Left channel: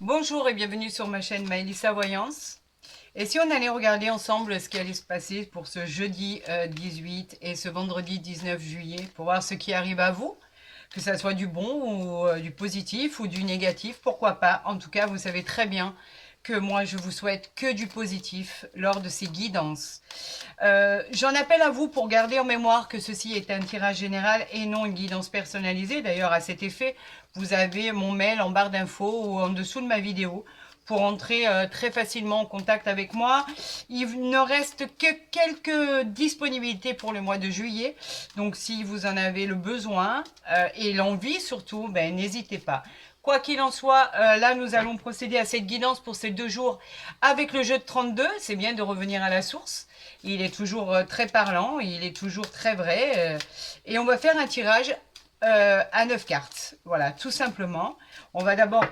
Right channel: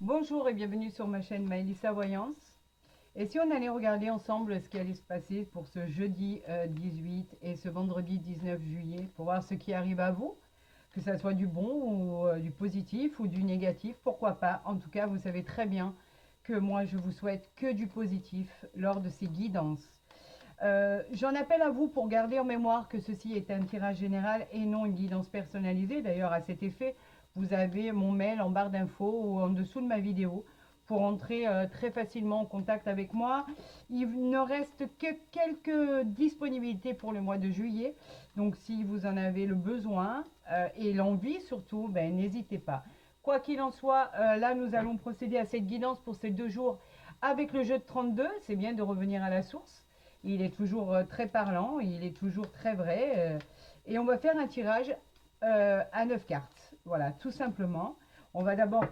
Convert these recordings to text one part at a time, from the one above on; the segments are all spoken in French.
Bonjour et bienvenue sur ma chaîne Maëlissa Voyance. Et si on allait regarder ensemble ce qui allait se passer pour ce jeudi 18 et ce vendredi 19 juillet, pour voir ce qui arrive à vous, que ça soit du bon ou du positif ou du négatif, pourquoi pas. En tout cas, vous savez très bien que moi, je vous souhaite que du positif lors de ces guidances. J'en appelle à vous pour garder en mémoire que ceci est un tirage général et non une guidance personnalisée. D'ailleurs, à cet effet, vous avez mon mail en barre d'infos ou en dessous de ma vidéo pour entrer très facilement en contact avec moi. Il ne reste que quelques disponibilités pour le mois de juillet. Donc, si vous en avez le besoin et l'envie surtout, ben, n'hésitez pas. Quoi qu'il en soit, là, nous allons procéder à cette guidance pour ces 2 jours avec le jeu de 32. C'est bien de revenir à la source. Il est toujours très parlant, il est toujours très vrai. Et on va faire un tirage à 9 cartes. Voilà, tout simplement. On va d'abord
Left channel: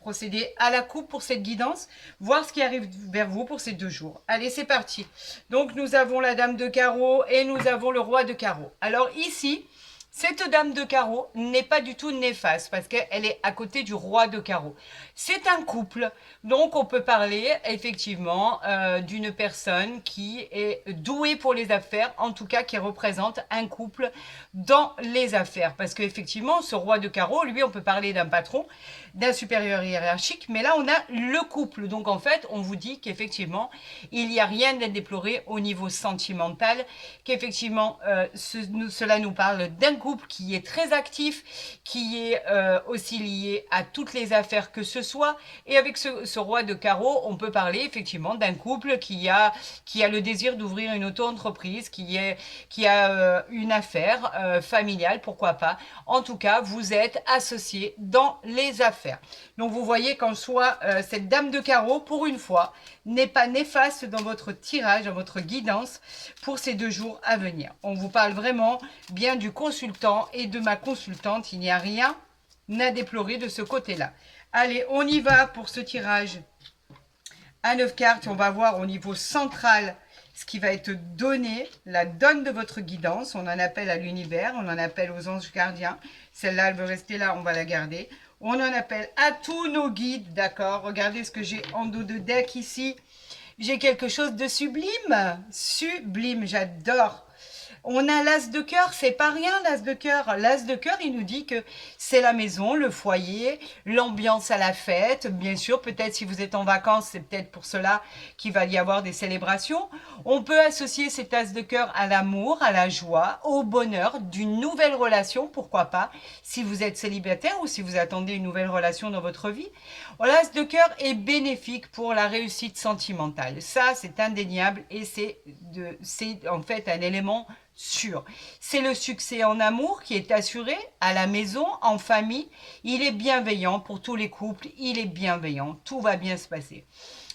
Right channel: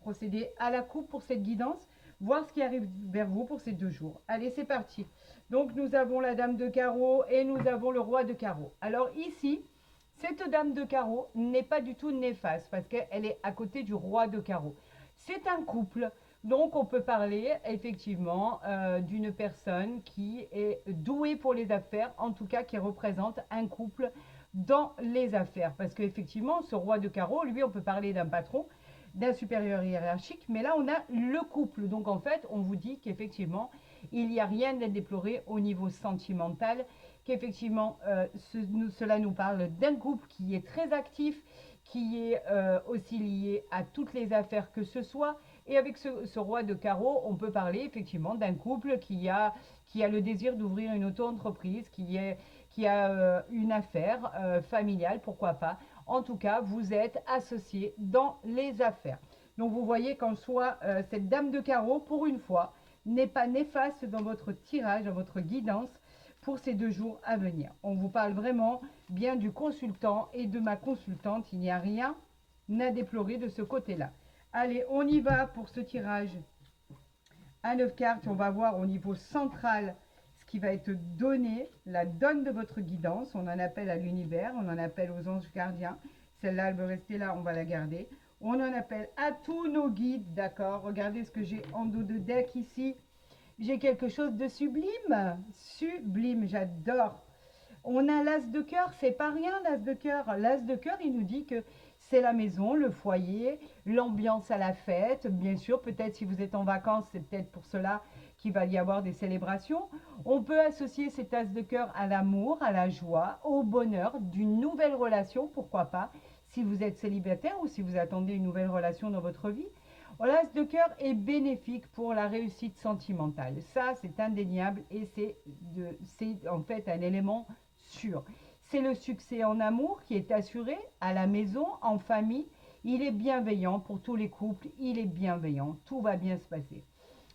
procéder à la coupe pour cette guidance, voir ce qui arrive vers vous pour ces 2 jours. Allez, c'est parti. Donc, nous avons la dame de carreau et nous avons le roi de carreau. Alors ici, cette dame de carreau n'est pas du tout néfaste parce qu'elle est à côté du roi de carreau. C'est un couple, donc on peut parler effectivement d'une personne qui est douée pour les affaires, en tout cas qui représente un couple dans les affaires. Parce qu'effectivement, ce roi de carreau, lui, on peut parler d'un patron, d'un supérieur hiérarchique, mais là on a le couple. Donc en fait, on vous dit qu'effectivement, il n'y a rien à déplorer au niveau sentimental, qu'effectivement, cela nous parle d'un couple qui est très actif, qui est aussi lié à toutes les affaires que ce soit. Et avec ce roi de carreau, on peut parler effectivement d'un couple qui a le désir d'ouvrir une auto-entreprise, qui a une affaire familiale, pourquoi pas. En tout cas, vous êtes associés dans les affaires. Donc vous voyez qu'en soi, cette dame de carreau, pour une fois, n'est pas néfaste dans votre tirage, dans votre guidance pour ces 2 jours à venir. On vous parle vraiment bien du consultant et de ma consultante. Il n'y a rien à déplorer de ce côté-là. Allez, on y va pour ce tirage à 9 cartes. On va voir au niveau central ce qui va être donné, la donne de votre guidance. On en appelle à l'univers, on en appelle aux anges gardiens. Celle-là, elle veut rester là, on va la garder. On en appelle à tous nos guides, d'accord. Regardez ce que j'ai en dos de deck ici. J'ai quelque chose de sublime, sublime, j'adore. On a l'as de cœur, c'est pas rien l'as de cœur. L'as de cœur, il nous dit que c'est la maison, le foyer, l'ambiance à la fête. Bien sûr, peut-être si vous êtes en vacances, c'est peut-être pour cela qu'il va y avoir des célébrations. On peut associer cet as de cœur à l'amour, à la joie, au bonheur d'une nouvelle relation, pourquoi pas, si vous êtes célibataire ou si vous attendez une nouvelle relation dans votre vie. L'as de cœur est bénéfique pour la réussite sentimentale. Ça, c'est indéniable et c'est en fait un élément sûr. C'est le succès en amour qui est assuré à la maison, en famille. Il est bienveillant pour tous les couples. Il est bienveillant. Tout va bien se passer.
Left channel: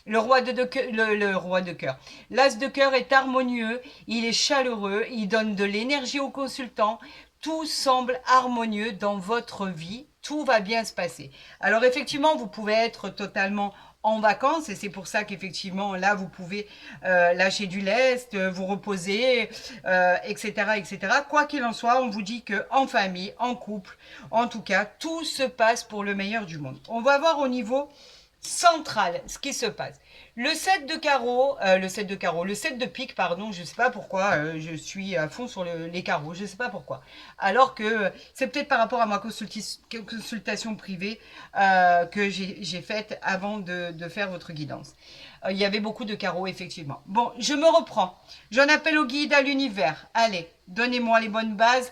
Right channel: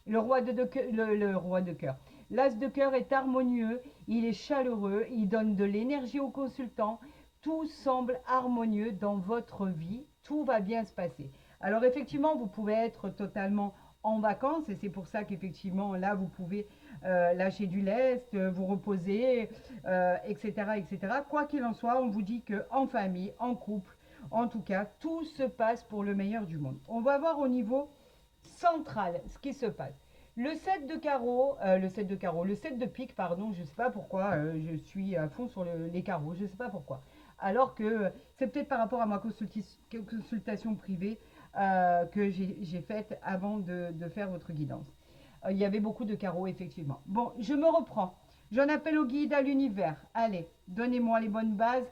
Le roi de cœur. L'as de cœur est harmonieux, il est chaleureux, il donne de l'énergie au consultant. Tout semble harmonieux dans votre vie. Tout va bien se passer. Alors effectivement, vous pouvez être totalement en vacances et c'est pour ça qu'effectivement là vous pouvez lâcher du lest, vous reposer, etc., etc. Quoi qu'il en soit, on vous dit que en famille, en couple, en tout cas, tout se passe pour le meilleur du monde. On va voir au niveau central ce qui se passe. Le 7 de carreau, le 7 de pique, pardon, je ne sais pas pourquoi, je suis à fond sur les carreaux, je ne sais pas pourquoi. Alors que c'est peut-être par rapport à ma consultation privée que j'ai faite avant de faire votre guidance. Il y avait beaucoup de carreaux, effectivement. Bon, je me reprends. J'en appelle au guide, à l'univers. Allez, donnez-moi les bonnes bases,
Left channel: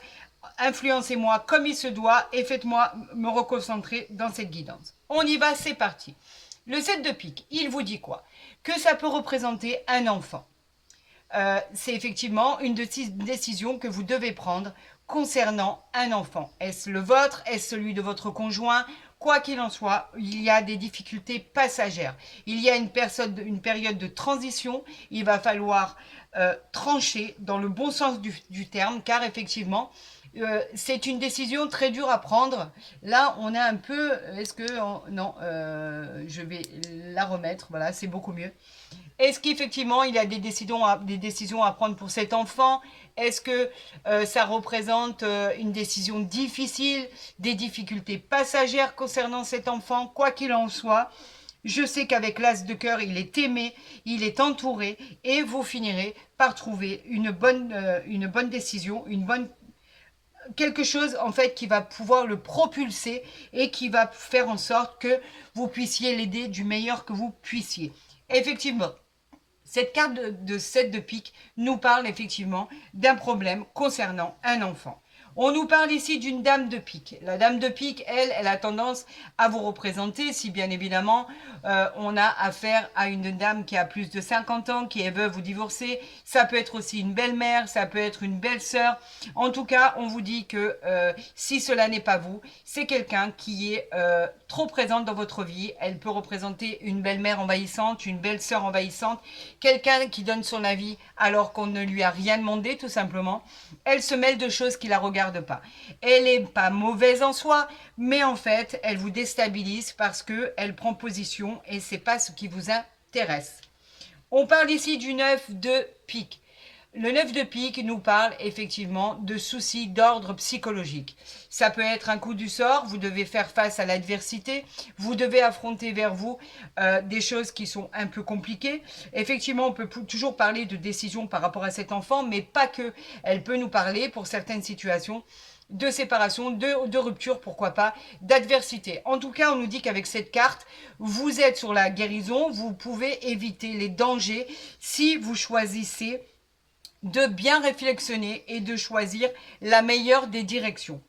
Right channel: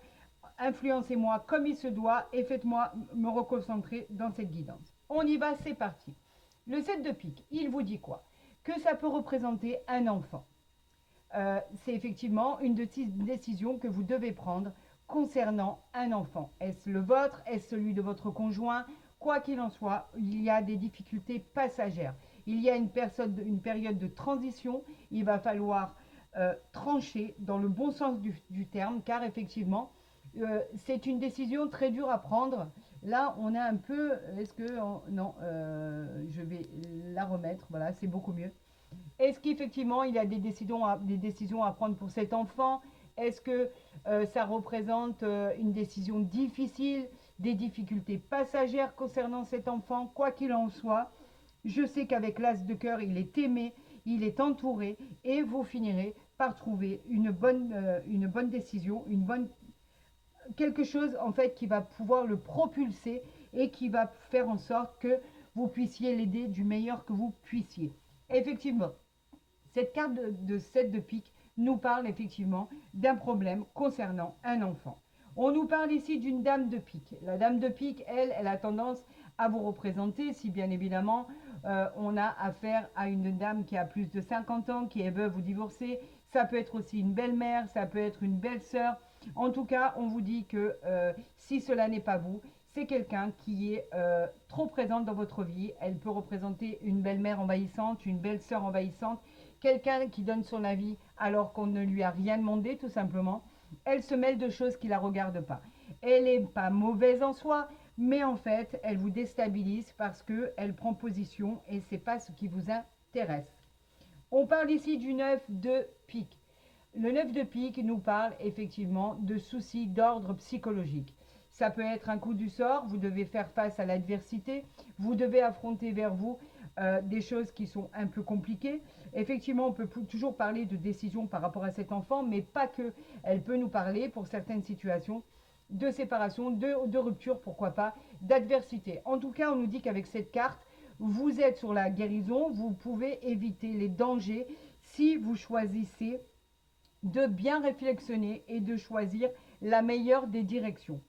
influencez-moi comme il se doit et faites-moi me reconcentrer dans cette guidance. On y va, c'est parti. Le 7 de pique, il vous dit quoi? Que ça peut représenter un enfant. C'est effectivement une décision que vous devez prendre concernant un enfant. Est-ce le vôtre? Est-ce celui de votre conjoint? Quoi qu'il en soit, il y a des difficultés passagères. Il y a une période de transition. Il va falloir trancher dans le bon sens du terme, car effectivement, c'est une décision très dure à prendre. Là, on a un peu... Est-ce que... non, je vais la remettre. Voilà, c'est beaucoup mieux. Est-ce qu'effectivement, il y a des décisions à prendre pour cet enfant? Est-ce que ça représente une décision difficile, des difficultés passagères concernant cet enfant? Quoi qu'il en soit, je sais qu'avec l'as de cœur, il est aimé, il est entouré et vous finirez par trouver une bonne décision, quelque chose en fait qui va pouvoir le propulser et qui va faire en sorte que vous puissiez l'aider du meilleur que vous puissiez. Effectivement, cette carte de 7 de pique nous parle effectivement d'un problème concernant un enfant. On nous parle ici d'une dame de pique. La dame de pique, elle a tendance à vous représenter si bien évidemment on a affaire à une dame qui a plus de 50 ans, qui est veuve ou divorcée. Ça peut être aussi une belle-mère, ça peut être une belle-sœur. En tout cas, on vous dit que si cela n'est pas vous, c'est quelqu'un qui est trop présente dans votre vie. Elle peut représenter une belle-mère envahissante, une belle-sœur envahissante, quelqu'un qui donne son avis alors qu'on ne lui a rien demandé tout simplement. Elle se mêle de choses qui ne la regardent pas. Elle n'est pas mauvaise en soi, mais en fait, elle vous déstabilise parce qu'elle prend position et ce n'est pas ce qui vous intéresse. On parle ici du 9 de pique. Le 9 de pique nous parle effectivement de soucis d'ordre psychologique. Ça peut être un coup du sort, vous devez faire face à l'adversité, vous devez affronter vers vous des choses qui sont un peu compliquées. Effectivement, on peut toujours parler de décision par rapport à cet enfant, mais pas que. Elle peut nous parler pour certaines situations de séparation, de rupture, pourquoi pas, d'adversité. En tout cas, on nous dit qu'avec cette carte, vous êtes sur la guérison, vous pouvez éviter les dangers si vous choisissez de bien réflexionner et de choisir la meilleure des directions.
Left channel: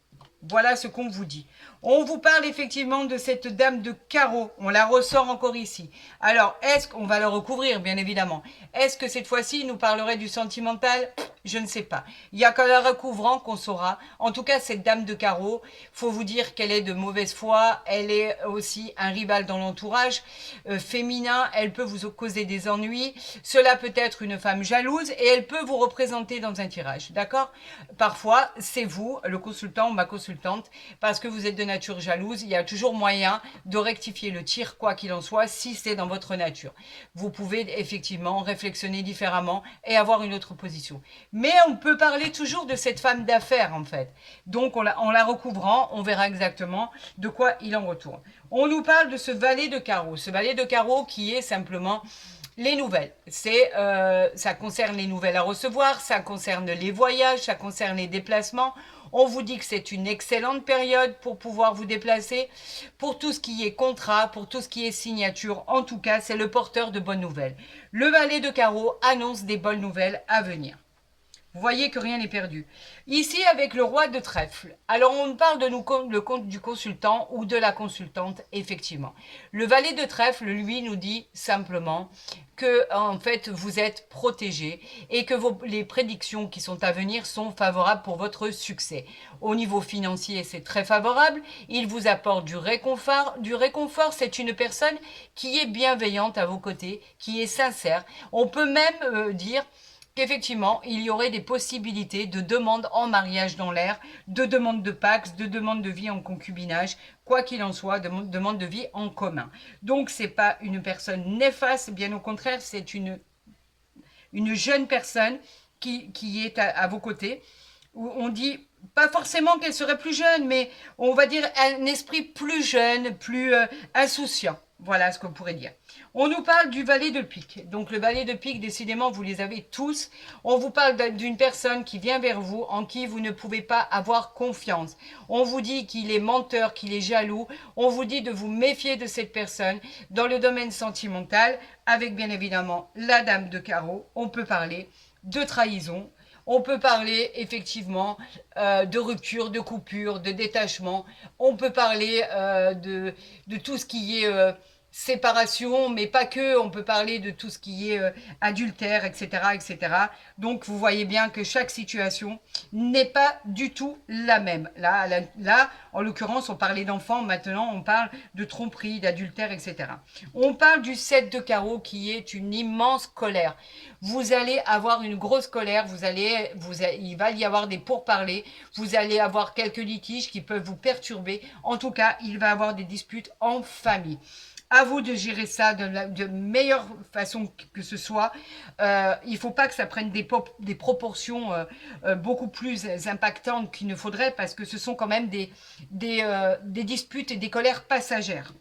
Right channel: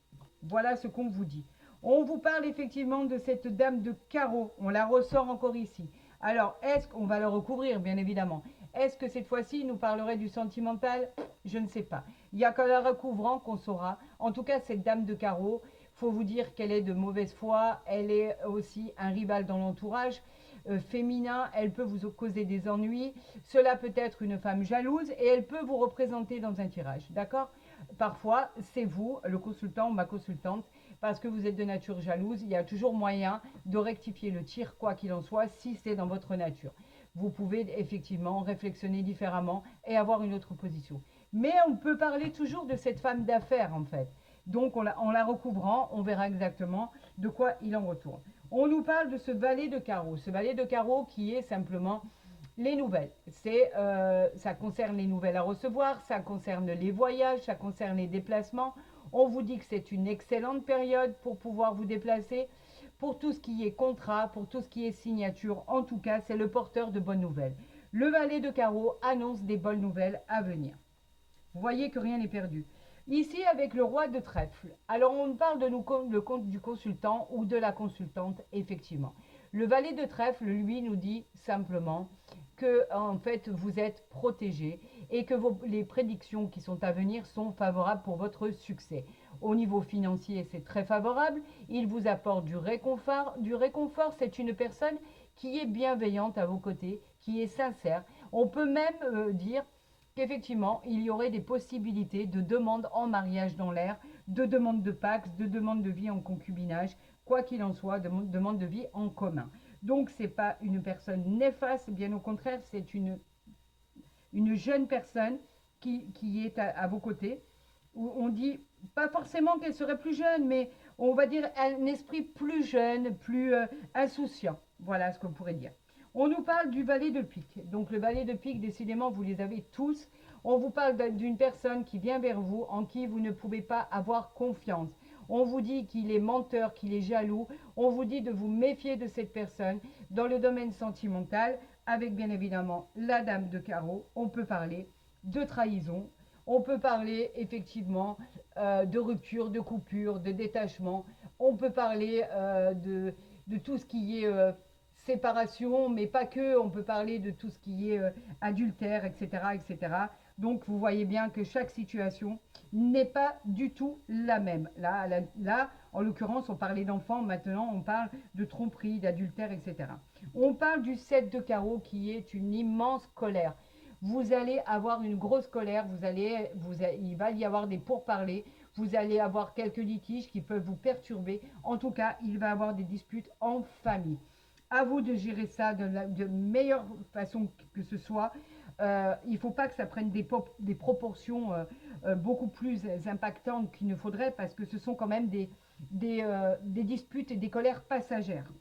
Voilà ce qu'on vous dit. On vous parle effectivement de cette dame de carreau. On la ressort encore ici. Alors, est-ce qu'on va le recouvrir, bien évidemment? Est-ce que cette fois-ci, il nous parlerait du sentimental? Je ne sais pas. Il n'y a qu'en la recouvrant qu'on saura. En tout cas, cette dame de carreau, faut vous dire qu'elle est de mauvaise foi. Elle est aussi un rival dans l'entourage féminin. Elle peut vous causer des ennuis. Cela peut être une femme jalouse et elle peut vous représenter dans un tirage. D'accord? Parfois, c'est vous, le consultant ou ma consultante, parce que vous êtes de nature jalouse. Il y a toujours moyen de rectifier le tir, quoi qu'il en soit, si c'est dans votre nature. Vous pouvez effectivement réflexionner différemment et avoir une autre position. Mais on peut parler toujours de cette femme d'affaires, en fait. Donc, en la recouvrant, on verra exactement de quoi il en retourne. On nous parle de ce valet de carreau. Ce valet de carreau qui est simplement les nouvelles. Ça concerne les nouvelles à recevoir, ça concerne les voyages, ça concerne les déplacements. On vous dit que c'est une excellente période pour pouvoir vous déplacer. Pour tout ce qui est contrat, pour tout ce qui est signature, en tout cas, c'est le porteur de bonnes nouvelles. Le valet de carreau annonce des bonnes nouvelles à venir. Vous voyez que rien n'est perdu. Ici, avec le roi de trèfle, alors on parle du consultant ou de la consultante, effectivement. Le valet de trèfle, lui, nous dit simplement que, en fait, vous êtes protégé et que les prédictions qui sont à venir sont favorables pour votre succès. Au niveau financier, c'est très favorable. Il vous apporte du réconfort. Du réconfort, c'est une personne qui est bienveillante à vos côtés, qui est sincère. On peut même dire qu'effectivement, il y aurait des possibilités de demandes en mariage dans l'air, de demandes de pax, de demandes de vie en concubinage, quoi qu'il en soit, de demandes de vie en commun. Donc, ce n'est pas une personne néfaste, bien au contraire, c'est une jeune personne qui est à vos côtés, où on dit, pas forcément qu'elle serait plus jeune, mais on va dire un esprit plus jeune, plus insouciant. Voilà ce qu'on pourrait dire. On nous parle du valet de pique. Donc le valet de pique, décidément, vous les avez tous. On vous parle d'une personne qui vient vers vous, en qui vous ne pouvez pas avoir confiance. On vous dit qu'il est menteur, qu'il est jaloux. On vous dit de vous méfier de cette personne. Dans le domaine sentimental, avec bien évidemment la dame de carreau, on peut parler de trahison. On peut parler effectivement de rupture, de coupure, de détachement. On peut parler de tout ce qui est séparation, mais pas que. On peut parler de tout ce qui est adultère, etc., etc. Donc, vous voyez bien que chaque situation n'est pas du tout la même. Là, en l'occurrence, on parlait d'enfants. Maintenant, on parle de tromperie, d'adultère, etc. On parle du 7 de carreau qui est une immense colère. Vous allez avoir une grosse colère, il va y avoir des pourparlers, vous allez avoir quelques litiges qui peuvent vous perturber. En tout cas, il va y avoir des disputes en famille. À vous de gérer ça de meilleure façon que ce soit. Il ne faut pas que ça prenne des proportions beaucoup plus impactantes qu'il ne faudrait, parce que ce sont quand même des disputes et des colères passagères.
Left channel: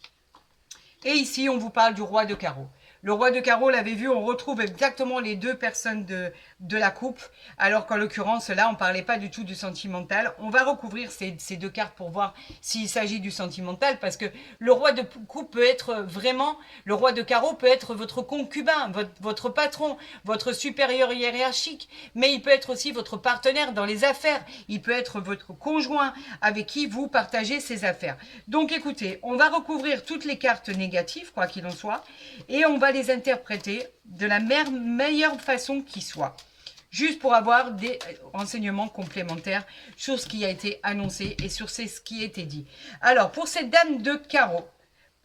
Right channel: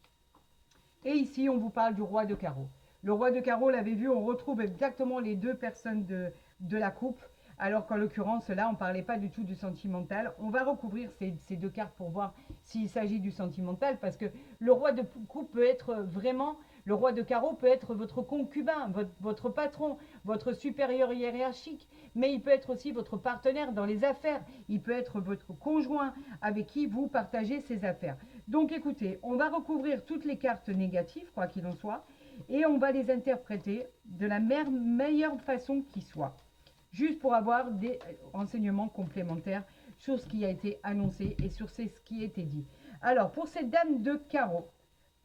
Et ici, on vous parle du roi de carreau. Le roi de carreau, l'avez vu, on retrouve exactement les deux personnes de la coupe, alors qu'en l'occurrence, là, on ne parlait pas du tout du sentimental. On va recouvrir ces deux cartes pour voir s'il s'agit du sentimental, parce que le roi de coupe peut être vraiment, le roi de carreau peut être votre concubin, votre patron, votre supérieur hiérarchique, mais il peut être aussi votre partenaire dans les affaires, il peut être votre conjoint avec qui vous partagez ces affaires. Donc écoutez, on va recouvrir toutes les cartes négatives, quoi qu'il en soit, et on va les interpréter de la meilleure façon qui soit, juste pour avoir des renseignements complémentaires sur ce qui a été annoncé et sur ce qui a été dit. Alors, pour cette dame de carreau,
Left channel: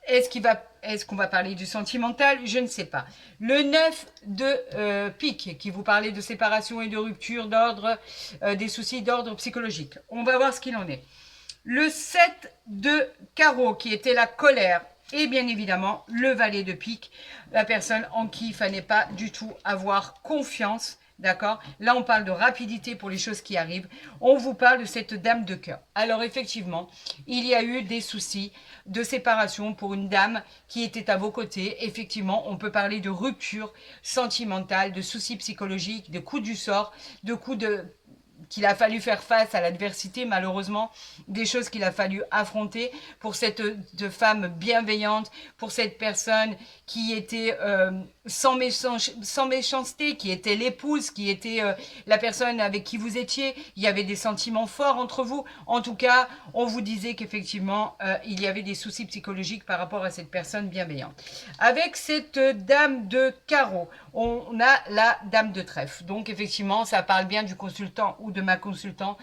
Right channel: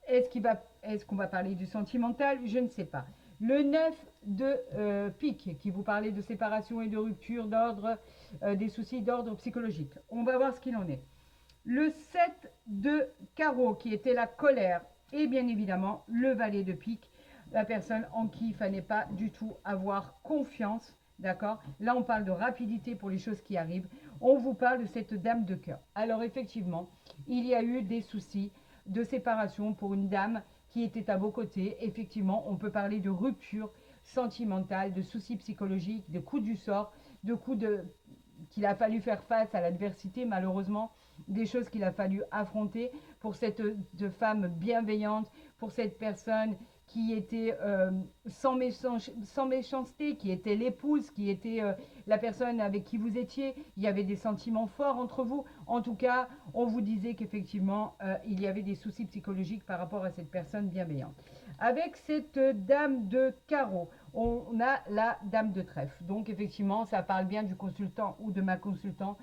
est-ce qu'on va parler du sentimental? Je ne sais pas. Le 9 de pique, qui vous parlait de séparation et de rupture, d'ordre, des soucis d'ordre psychologique. On va voir ce qu'il en est. Le 7 de carreau, qui était la colère, et bien évidemment le valet de pique, la personne en qui il ne fallait pas du tout avoir confiance. D'accord? Là, on parle de rapidité pour les choses qui arrivent. On vous parle de cette dame de cœur. Alors, effectivement, il y a eu des soucis de séparation pour une dame qui était à vos côtés. Effectivement, on peut parler de rupture sentimentale, de soucis psychologiques, de coups du sort, de coups de qu'il a fallu faire face à l'adversité, malheureusement, des choses qu'il a fallu affronter pour cette femme bienveillante, pour cette personne qui était sans méchanceté, qui était l'épouse, qui était la personne avec qui vous étiez. Il y avait des sentiments forts entre vous. En tout cas, on vous disait qu'effectivement, il y avait des soucis psychologiques par rapport à cette personne bienveillante. Avec cette dame de carreau, on a la dame de trèfle. Donc, effectivement, ça parle bien du consultant ou de ma consultante.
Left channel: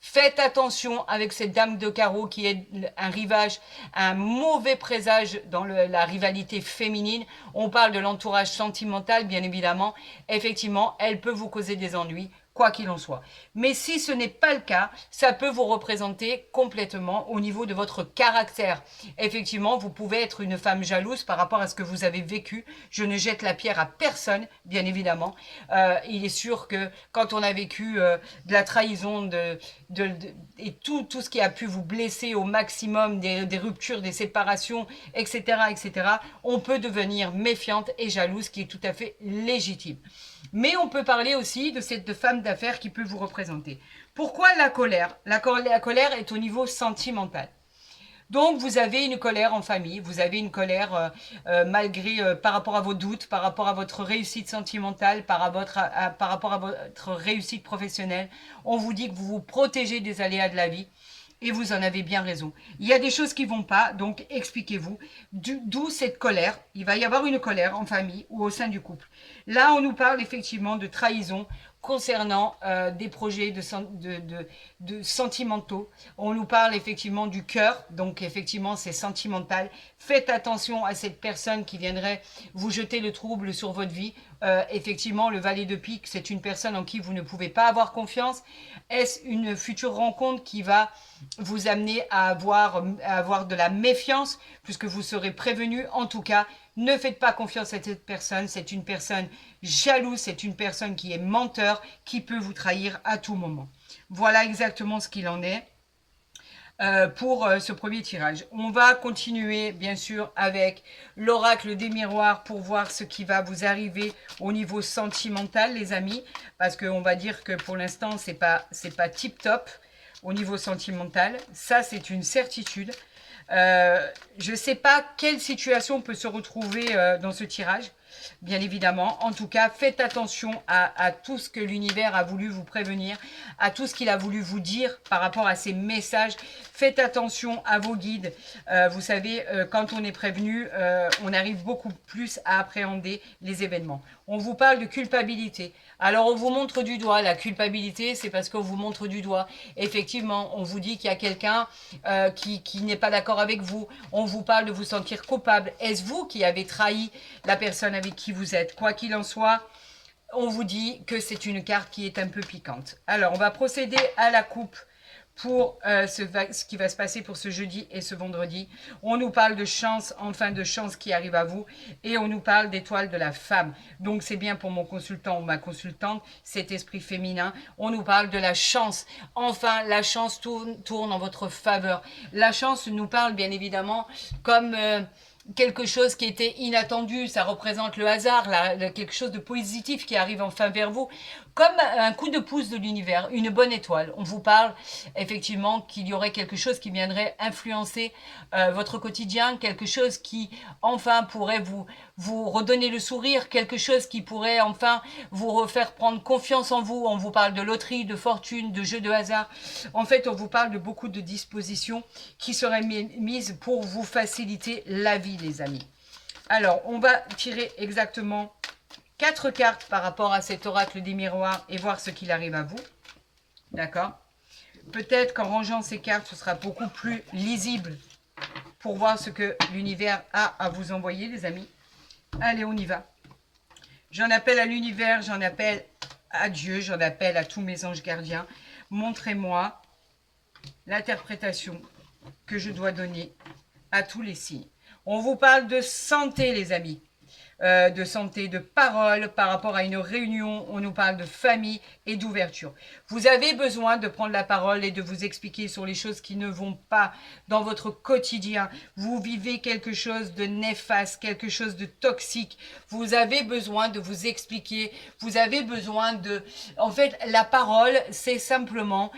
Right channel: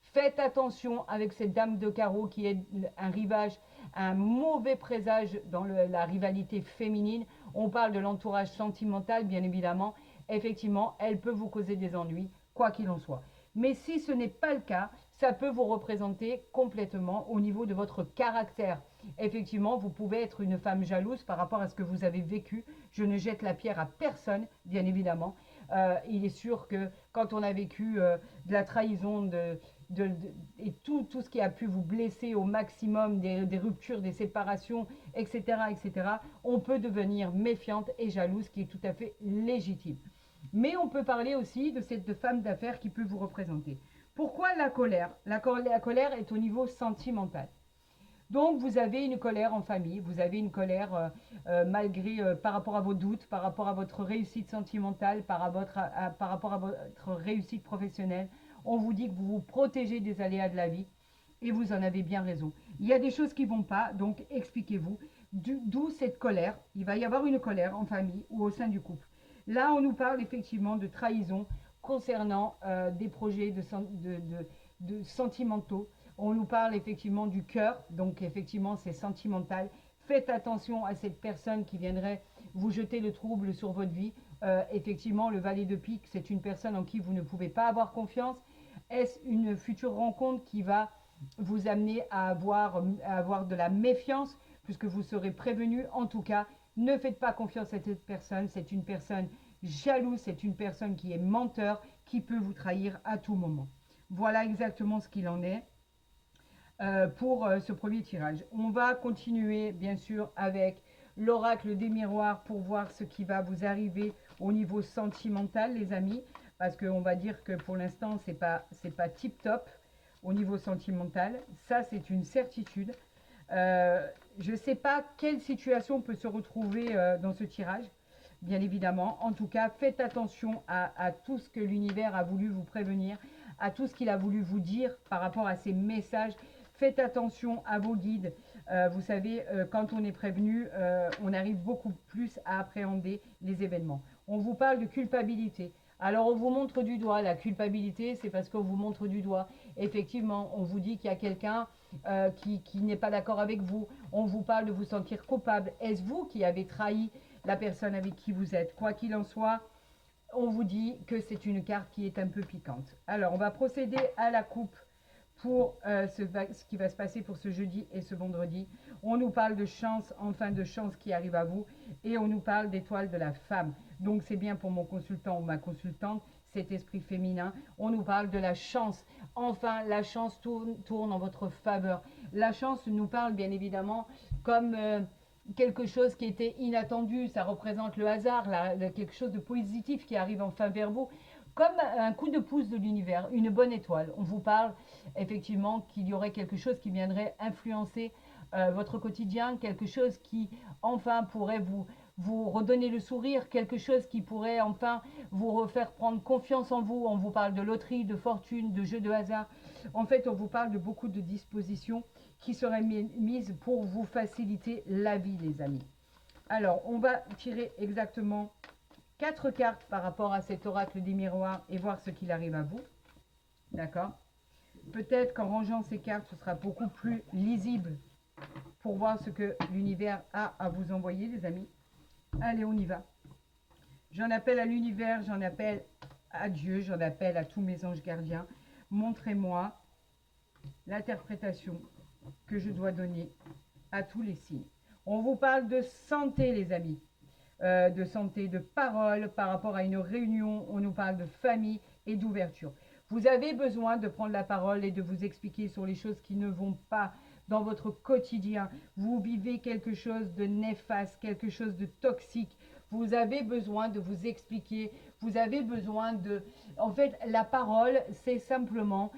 Faites attention avec cette dame de carreau qui est un rivage, un mauvais présage dans la rivalité féminine. On parle de l'entourage sentimental, bien évidemment. Effectivement, elle peut vous causer des ennuis, quoi qu'il en soit. Mais si ce n'est pas le cas, ça peut vous représenter complètement au niveau de votre caractère. Effectivement, vous pouvez être une femme jalouse par rapport à ce que vous avez vécu. Je ne jette la pierre à personne, bien évidemment. Il est sûr que quand on a vécu de la trahison, et tout ce qui a pu vous blesser au maximum, des ruptures, des séparations, etc., on peut devenir méfiante et jalouse, qui est tout à fait légitime. Mais on peut parler aussi de cette femme d'affaires qui peut vous représenter. Pourquoi la colère? La colère est au niveau sentimental. Donc, vous avez une colère en famille, vous avez une colère malgré, par rapport à vos doutes, par rapport à votre réussite sentimentale, par rapport à votre réussite professionnelle. On vous dit que vous vous protégez des aléas de la vie. Et vous en avez bien raison. Il y a des choses qui ne vont pas, donc expliquez-vous. D'où cette colère. Il va y avoir une colère en famille ou au sein du couple. Là, on nous parle effectivement de trahison concernant des projets de sentimentaux. On nous parle effectivement du cœur, donc effectivement c'est sentimental. Faites attention à cette personne qui viendrait vous jeter le trouble sur votre vie. Effectivement, le valet de pique, c'est une personne en qui vous ne pouvez pas avoir confiance. Est-ce une future rencontre qui va vous amener à avoir de la méfiance, puisque vous serez prévenu? En tout cas, ne faites pas confiance à cette personne. C'est une personne jalouse, c'est une personne qui est menteur, qui peut vous trahir à tout moment. Voilà exactement ce qu'il en est pour ce premier tirage. On va continuer bien sûr avec l'oracle des miroirs pour voir ce qui va vous arriver au niveau sentimental, les amis, parce qu'on va dire que pour l'instant c'est pas tip top au niveau sentimental. Ça, c'est une certitude. Je ne sais pas quelle situation peut se retrouver dans ce tirage, bien évidemment. En tout cas, faites attention à tout ce que l'univers a voulu vous prévenir, à tout ce qu'il a voulu vous dire par rapport à ces messages. Faites attention à vos guides. Vous savez, quand on est prévenu, on arrive beaucoup plus à appréhender les événements. On vous parle de culpabilité. Alors, on vous montre du doigt. La culpabilité, c'est parce qu'on vous montre du doigt. Effectivement, on vous dit qu'il y a quelqu'un qui n'est pas d'accord avec vous. On vous parle de vous sentir coupable. Est-ce vous qui avez trahi la personne avec qui vous êtes? Quoi qu'il en soit, on vous dit que c'est une carte qui est un peu piquante. Alors, on va procéder à la coupe pour ce qui va se passer pour ce jeudi et ce vendredi. On nous parle de chance, enfin de chance qui arrive à vous, et on nous parle d'étoile de la femme. Donc c'est bien pour mon consultant ou ma consultante, cet esprit féminin. On nous parle de la chance. Enfin, la chance tourne en votre faveur. La chance nous parle bien évidemment comme quelque chose qui était inattendu, ça représente le hasard, quelque chose de positif qui arrive enfin vers vous, comme un coup de pouce de l'univers, une bonne étoile. On vous parle effectivement qu'il y aurait quelque chose qui viendrait influencer votre quotidien, quelque chose qui enfin pourrait vous redonner le sourire, quelque chose qui pourrait enfin vous refaire prendre confiance en vous. On vous parle de loterie, de fortune, de jeux de hasard. En fait, on vous parle de beaucoup de dispositions qui seraient mises pour vous faciliter la vie, les amis. Alors, on va tirer exactement 4 cartes par rapport à cet oracle des miroirs et voir ce qu'il arrive à vous. D'accord? Peut-être qu'en rangeant ces cartes, ce sera beaucoup plus lisible pour voir ce que l'univers a à vous envoyer, les amis. Allez, on y va. J'en appelle à l'univers, j'en appelle à Dieu, j'en appelle à tous mes anges gardiens. Montrez-moi l'interprétation que je dois donner à tous les signes. On vous parle de santé, les amis. De santé, de parole par rapport à une réunion. On nous parle de famille et d'ouverture. Vous avez besoin de prendre la parole et de vous expliquer sur les choses qui ne vont pas dans votre quotidien. Vous vivez quelque chose de néfaste, quelque chose de toxique. Vous avez besoin de vous expliquer. Vous avez besoin de... En fait, la parole, c'est simplement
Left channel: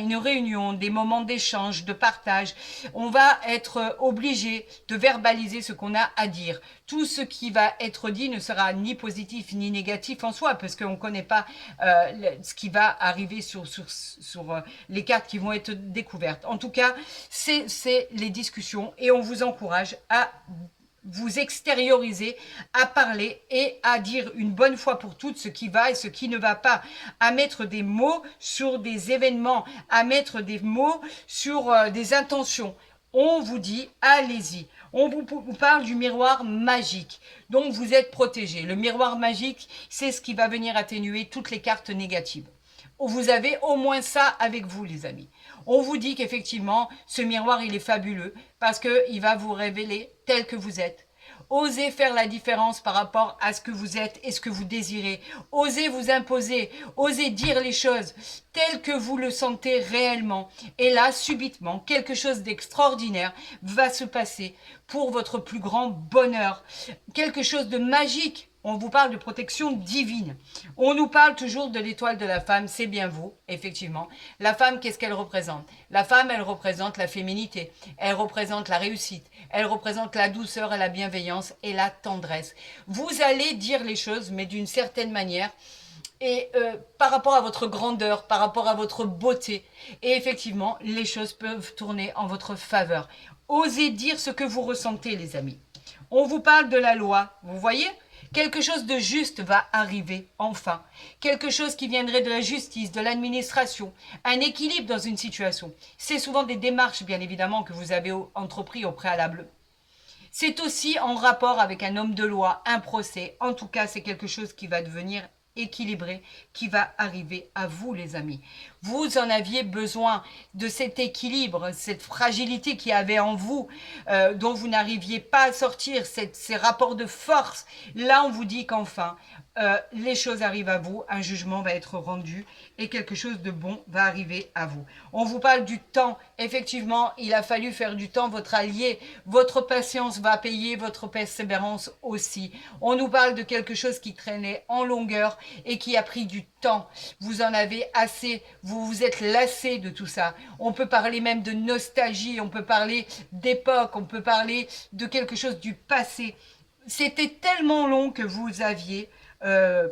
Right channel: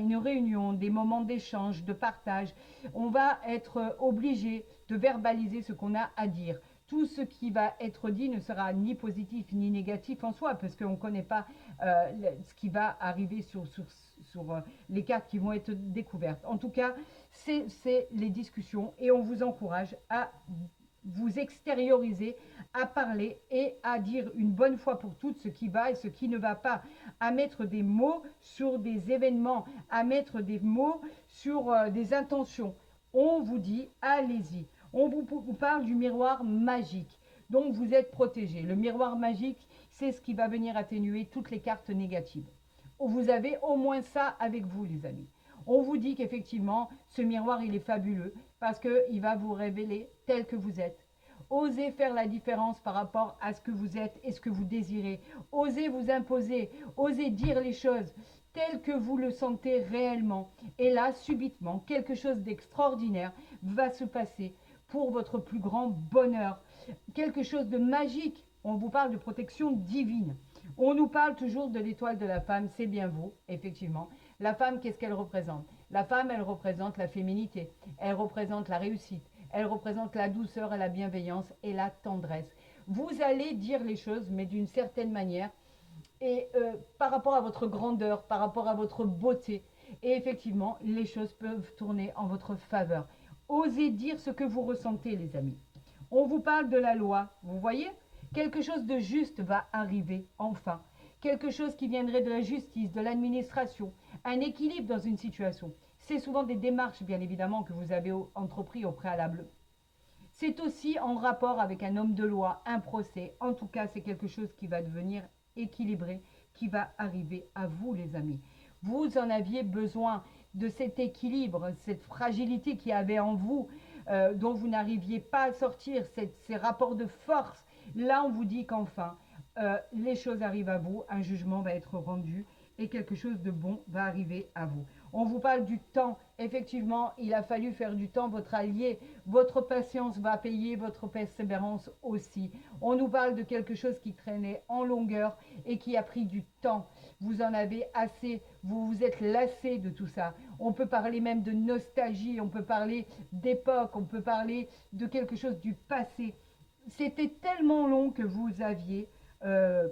une réunion, des moments d'échange, de partage. On va être obligé de verbaliser ce qu'on a à dire. Tout ce qui va être dit ne sera ni positif ni négatif en soi, parce qu'on ne connaît pas ce qui va arriver sur les cartes qui vont être découvertes. En tout cas, c'est les discussions et on vous encourage à vous extérioriser, à parler et à dire une bonne fois pour toutes ce qui va et ce qui ne va pas, à mettre des mots sur des événements, à mettre des mots sur des intentions. On vous dit, allez-y. On vous parle du miroir magique. Donc, vous êtes protégé. Le miroir magique, c'est ce qui va venir atténuer toutes les cartes négatives. Vous avez au moins ça avec vous, les amis. On vous dit qu'effectivement, ce miroir, il est fabuleux parce qu'il va vous révéler tel que vous êtes. Osez faire la différence par rapport à ce que vous êtes et ce que vous désirez. Osez vous imposer, osez dire les choses telles que vous le sentez réellement. Et là, subitement, quelque chose d'extraordinaire va se passer pour votre plus grand bonheur. Quelque chose de magique. On vous parle de protection divine. On nous parle toujours de l'étoile de la femme, c'est bien vous, effectivement. La femme, qu'est-ce qu'elle représente? La femme, elle représente la féminité, elle représente la réussite, elle représente la douceur et la bienveillance et la tendresse. Vous allez dire les choses, mais d'une certaine manière, et par rapport à votre grandeur, par rapport à votre beauté. Et effectivement, les choses peuvent tourner en votre faveur. Osez dire ce que vous ressentez, les amis. On vous parle de la loi, vous voyez ? Quelque chose de juste va arriver, enfin. Quelque chose qui viendrait de la justice, de l'administration. Un équilibre dans une situation. C'est souvent des démarches, bien évidemment, que vous avez entrepris au préalable. C'est aussi en rapport avec un homme de loi, un procès. En tout cas, c'est quelque chose qui va devenir équilibré, qui va arriver à vous, les amis. Vous en aviez besoin de cet équilibre, cette fragilité qu'il y avait en vous, dont vous n'arriviez pas à sortir, ces rapports de force. Là, on vous dit qu'enfin, les choses arrivent à vous, un jugement va être rendu et quelque chose de bon va arriver à vous. On vous parle du temps. Effectivement, il a fallu faire du temps votre allié. Votre patience va payer, votre persévérance aussi. On nous parle de quelque chose qui traînait en longueur et qui a pris du temps. Vous en avez assez, vous vous êtes lassé de tout ça. On peut parler même de nostalgie, on peut parler d'époque, on peut parler de quelque chose du passé. C'était tellement long que vous aviez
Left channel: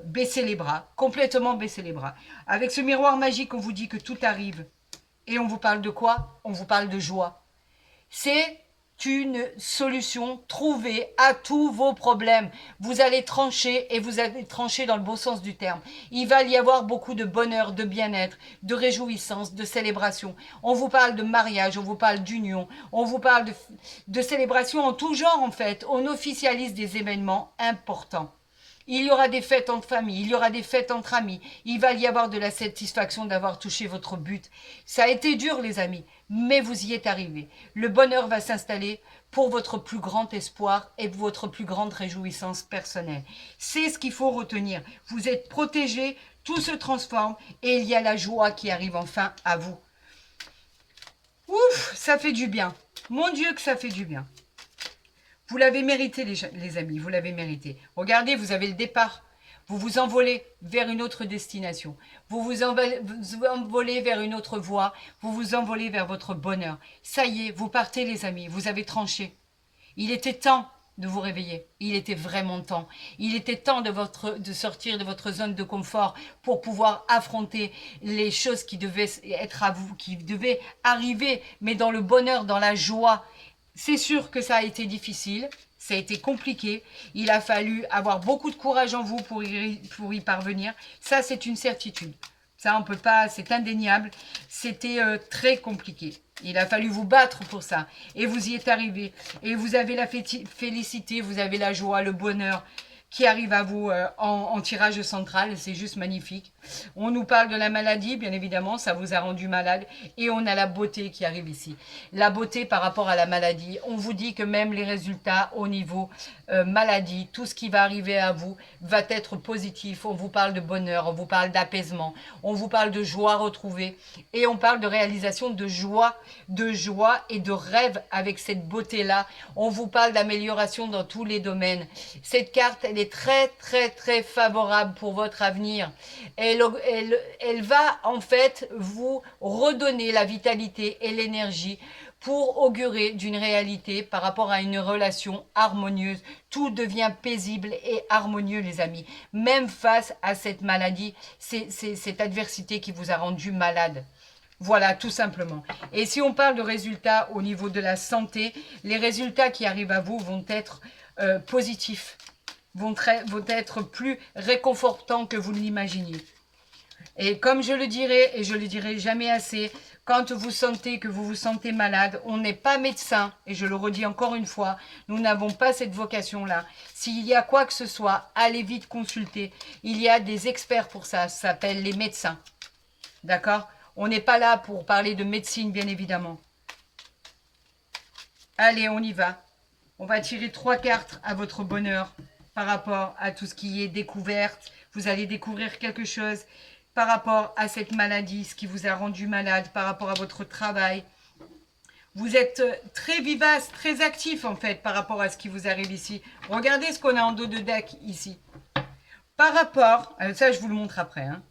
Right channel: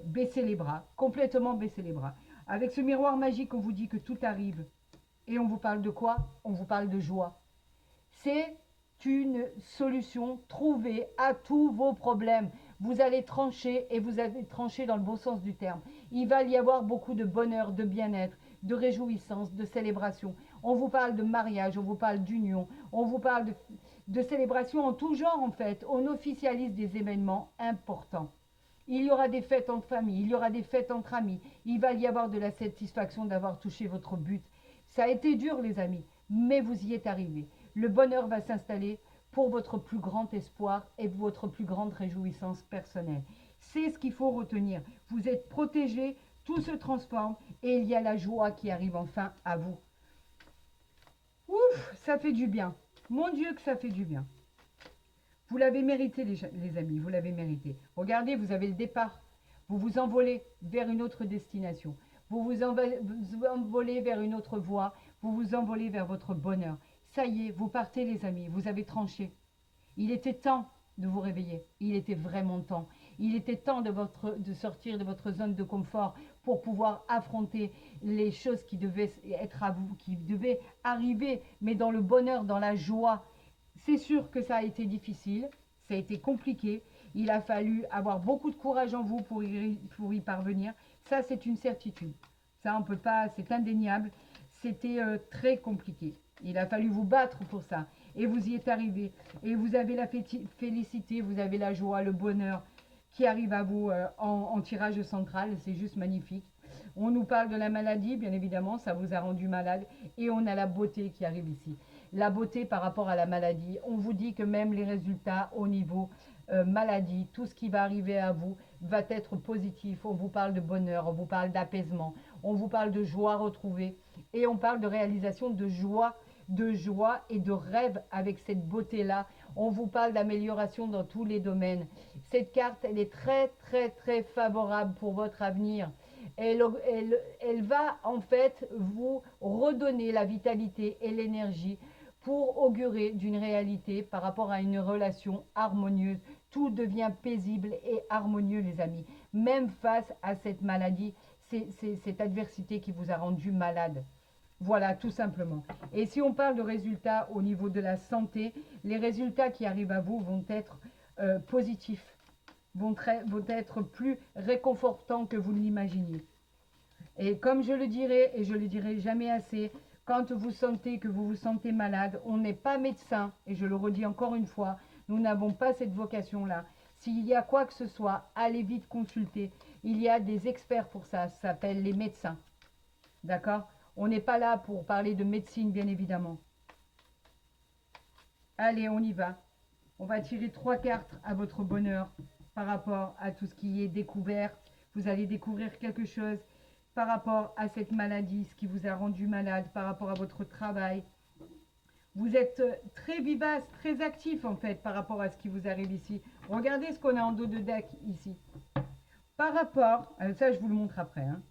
baissé les bras, complètement baissé les bras. Avec ce miroir magique, on vous dit que tout arrive. Et on vous parle de quoi? On vous parle de joie. C'est une solution trouvée à tous vos problèmes. Vous allez trancher et vous allez trancher dans le bon sens du terme. Il va y avoir beaucoup de bonheur, de bien-être, de réjouissance, de célébration. On vous parle de mariage, on vous parle d'union, on vous parle de célébration en tout genre en fait. On officialise des événements importants. Il y aura des fêtes entre familles, il y aura des fêtes entre amis. Il va y avoir de la satisfaction d'avoir touché votre but. Ça a été dur, les amis, mais vous y êtes arrivés. Le bonheur va s'installer pour votre plus grand espoir et votre plus grande réjouissance personnelle. C'est ce qu'il faut retenir. Vous êtes protégés, tout se transforme et il y a la joie qui arrive enfin à vous. Ouf, ça fait du bien. Mon Dieu que ça fait du bien. Vous l'avez mérité, les amis, vous l'avez mérité. Regardez, vous avez le départ. Vous vous envolez vers une autre destination. Vous vous envolez vers une autre voie. Vous vous envolez vers votre bonheur. Ça y est, vous partez, les amis. Vous avez tranché. Il était temps de vous réveiller. Il était vraiment temps. Il était temps de sortir de votre zone de confort pour pouvoir affronter les choses qui devaient être à vous, qui devaient arriver, mais dans le bonheur, dans la joie. C'est sûr que ça a été difficile, ça a été compliqué. Il a fallu avoir beaucoup de courage en vous pour y parvenir. Ça, c'est une certitude. Ça, on peut pas, c'est indéniable. C'était très compliqué. Il a fallu vous battre pour ça. Et vous y êtes arrivé. Et vous avez la félicité, vous avez la joie, le bonheur qui arrive à vous en tirage central. C'est juste magnifique. On nous parle de la maladie, bien évidemment, ça vous a rendu malade. Et on a la beauté qui arrive ici. La beauté par rapport à la maladie. On vous dit que même les résultats au niveau maladie, tout ce qui va arriver à vous va être positif. On vous parle de bonheur, on vous parle d'apaisement, on vous parle de joie retrouvée. Et on parle de réalisation de joie et de rêve avec cette beauté-là. On vous parle d'amélioration dans tous les domaines. Cette carte, elle est très, très, très favorable pour votre avenir. Elle va en fait vous redonner la vitalité et l'énergie pour augurer d'une réalité par rapport à une relation harmonieuse. Tout devient paisible et harmonieux, les amis. Même face à cette maladie, cette adversité qui vous a rendu malade. Voilà, tout simplement. Et si on parle de résultats au niveau de la santé, les résultats qui arrivent à vous vont être positifs, vont être plus réconfortants que vous ne l'imaginiez. Et comme je le dirai, et je le dirai jamais assez, quand vous sentez que vous vous sentez malade, on n'est pas médecin, et je le redis encore une fois, nous n'avons pas cette vocation-là. S'il y a quoi que ce soit, allez vite consulter. Il y a des experts pour ça, ça s'appelle les médecins. D'accord ? On n'est pas là pour parler de médecine, bien évidemment. Allez, on y va. On va tirer 3 cartes à votre bonheur par rapport à tout ce qui est découverte. Vous allez découvrir quelque chose par rapport à cette maladie, ce qui vous a rendu malade, par rapport à votre travail. Vous êtes très vivace, très actif en fait par rapport à ce qui vous arrive ici. Regardez ce qu'on a en dos de deck ici. Par rapport, ça je vous le montre après. Hein.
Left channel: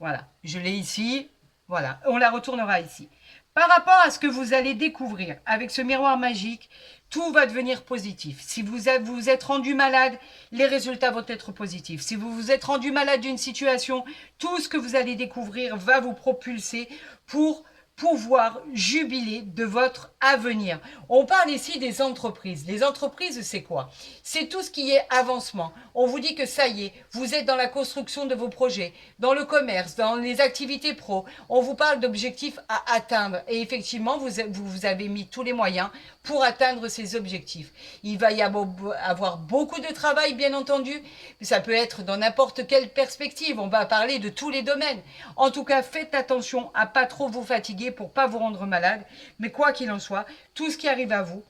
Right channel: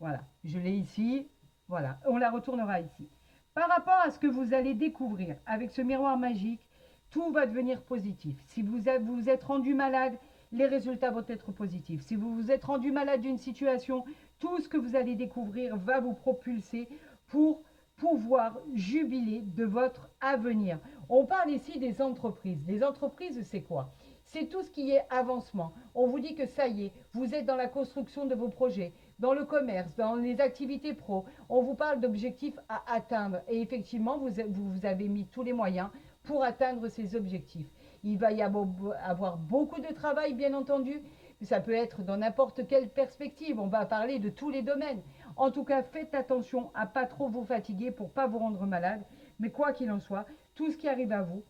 Voilà, je l'ai ici. Voilà, on la retournera ici. Par rapport à ce que vous allez découvrir avec ce miroir magique, tout va devenir positif. Si vous vous êtes rendu malade, les résultats vont être positifs. Si vous vous êtes rendu malade d'une situation, tout ce que vous allez découvrir va vous propulser pour pouvoir jubiler de votre avenir. On parle ici des entreprises. Les entreprises, c'est quoi? C'est tout ce qui est avancement. On vous dit que ça y est, vous êtes dans la construction de vos projets, dans le commerce, dans les activités pro. On vous parle d'objectifs à atteindre. Et effectivement, vous avez mis tous les moyens pour atteindre ces objectifs. Il va y avoir beaucoup de travail, bien entendu, mais ça peut être dans n'importe quelle perspective. On va parler de tous les domaines. En tout cas, faites attention à pas trop vous fatiguer pour pas vous rendre malade. Mais quoi qu'il en soit, tout ce qui arrive à vous,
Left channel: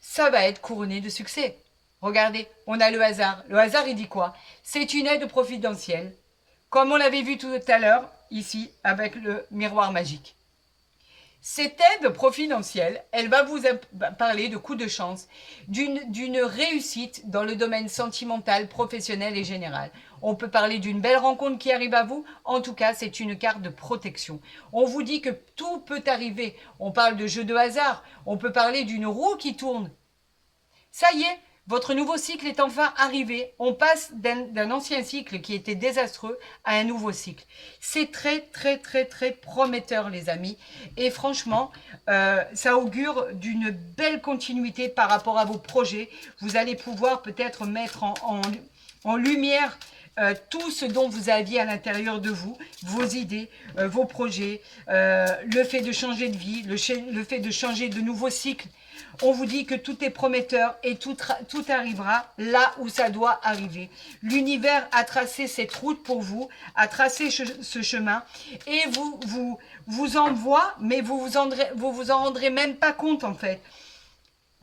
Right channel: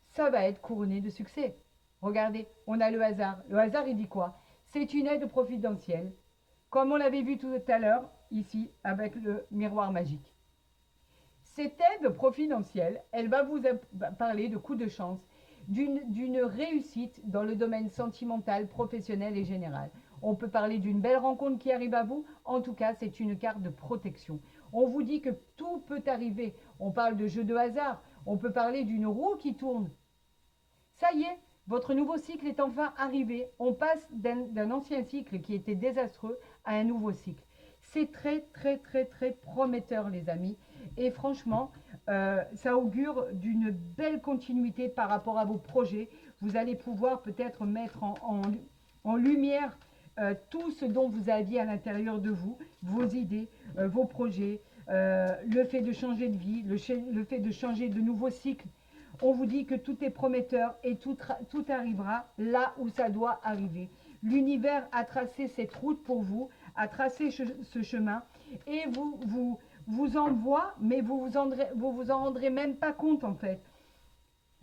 ça va être couronné de succès. Regardez, on a le hasard. Le hasard, il dit quoi? C'est une aide providentielle, comme on l'avait vu tout à l'heure, ici, avec le miroir magique. Cette aide providentielle, elle va vous parler de coups de chance, d'une réussite dans le domaine sentimental, professionnel et général. On peut parler d'une belle rencontre qui arrive à vous. En tout cas, c'est une carte de protection. On vous dit que tout peut arriver. On parle de jeu de hasard. On peut parler d'une roue qui tourne. Ça y est, votre nouveau cycle est enfin arrivé. On passe d'un ancien cycle qui était désastreux à un nouveau cycle. C'est très, très, très, très prometteur, les amis. Et franchement, ça augure d'une belle continuité par rapport à vos projets. Vous allez pouvoir peut-être mettre en lumière tout ce dont vous aviez à l'intérieur de vous, vos idées, vos projets, le fait de changer de vie, le fait de changer de nouveau cycle. On vous dit que tout est prometteur et tout arrivera là où ça doit arriver. L'univers a tracé cette route pour vous, a tracé ce chemin et vous envoie, mais vous vous en rendrez même pas compte en fait.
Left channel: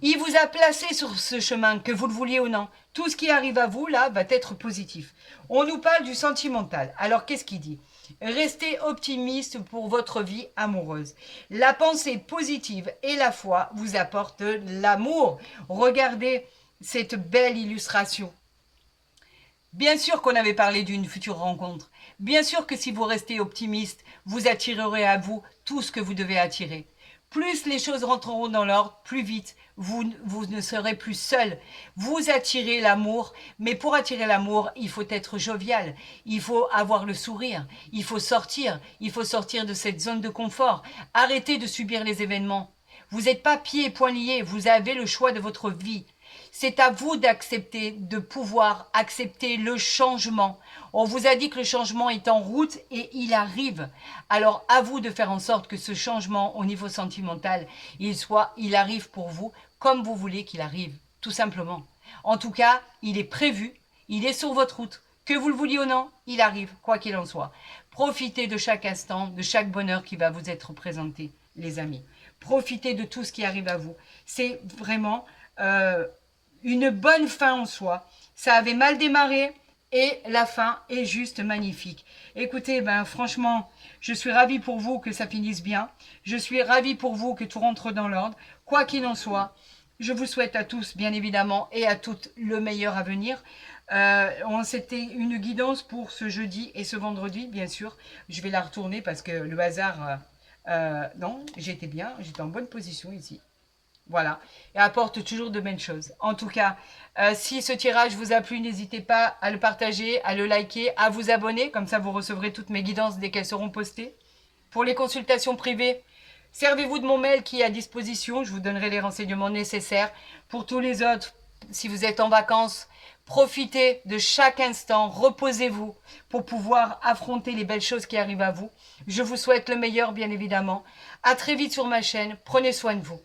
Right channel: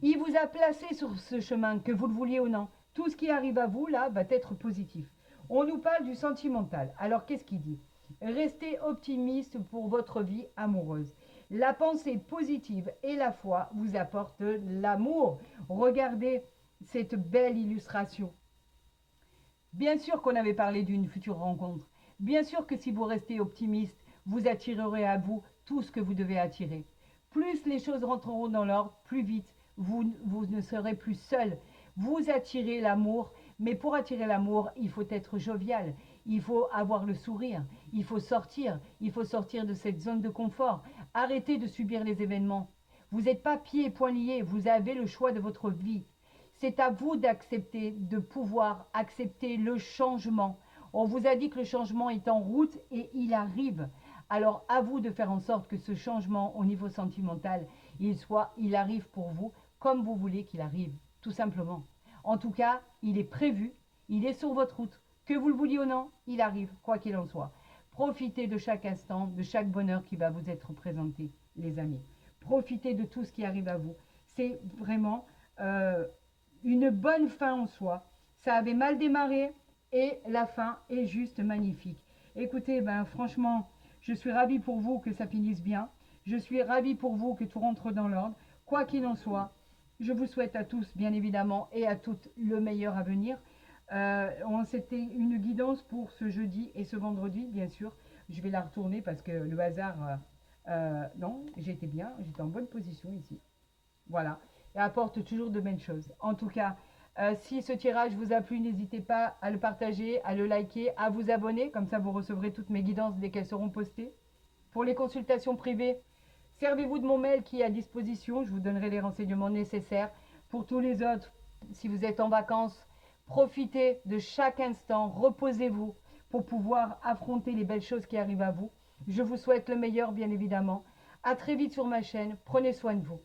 Il vous a placé sur ce chemin, que vous le vouliez ou non. Tout ce qui arrive à vous, là, va être positif. On nous parle du sentimental. Alors, qu'est-ce qu'il dit? Restez optimiste pour votre vie amoureuse. La pensée positive et la foi vous apportent l'amour. Regardez cette belle illustration. Bien sûr qu'on avait parlé d'une future rencontre. Bien sûr que si vous restez optimiste, vous attirerez à vous tout ce que vous devez attirer. Plus les choses rentreront dans l'ordre, plus vite vous ne serez plus seul. Vous attirez l'amour, mais pour attirer l'amour, il faut être jovial, il faut avoir le sourire, il faut sortir de cette zone de confort, arrêtez de subir les événements. Vous n'êtes pas pieds et poings liés, vous avez le choix de votre vie. C'est à vous d'accepter, de pouvoir accepter le changement. On vous a dit que le changement est en route et il arrive. Alors à vous de faire en sorte que ce changement au niveau sentimental, il arrive pour vous comme vous voulez qu'il arrive, tout simplement. En tout cas, il est prévu, il est sur votre route. Que vous le vouliez ou non, il arrive, quoi qu'il en soit. Profitez de chaque instant, de chaque bonheur qui va vous être présenté, les amis. Profitez de tout ce qui arrive à vous. C'est vraiment une bonne fin en soi. Ça avait mal démarré et la fin est juste magnifique. Écoutez, franchement, je suis ravie pour vous que ça finisse bien. Je suis ravie pour vous que tout rentre dans l'ordre. Quoi qu'il en soit, je vous souhaite à tous, bien évidemment, et à toutes le meilleur à venir. C'était une guidance pour ce jeudi et ce vendredi, bien sûr. Je vais la retourner parce que le hasard... non, j'étais bien, j'étais en bonne position ici. Voilà, et apporte toujours de belles choses. En tout cas, si ce tirage vous a plu, n'hésitez pas à le partager, à le liker, à vous abonner. Comme ça, vous recevrez toutes mes guidances dès qu'elles seront postées. Pour les consultations privées, servez-vous de mon mail qui est à disposition. Je vous donnerai les renseignements nécessaires. Pour tous les autres, si vous êtes en vacances, profitez de chaque instant, reposez-vous pour pouvoir affronter les belles choses qui arrivent à vous. Je vous souhaite le meilleur, bien évidemment. À très vite sur ma chaîne. Prenez soin de vous.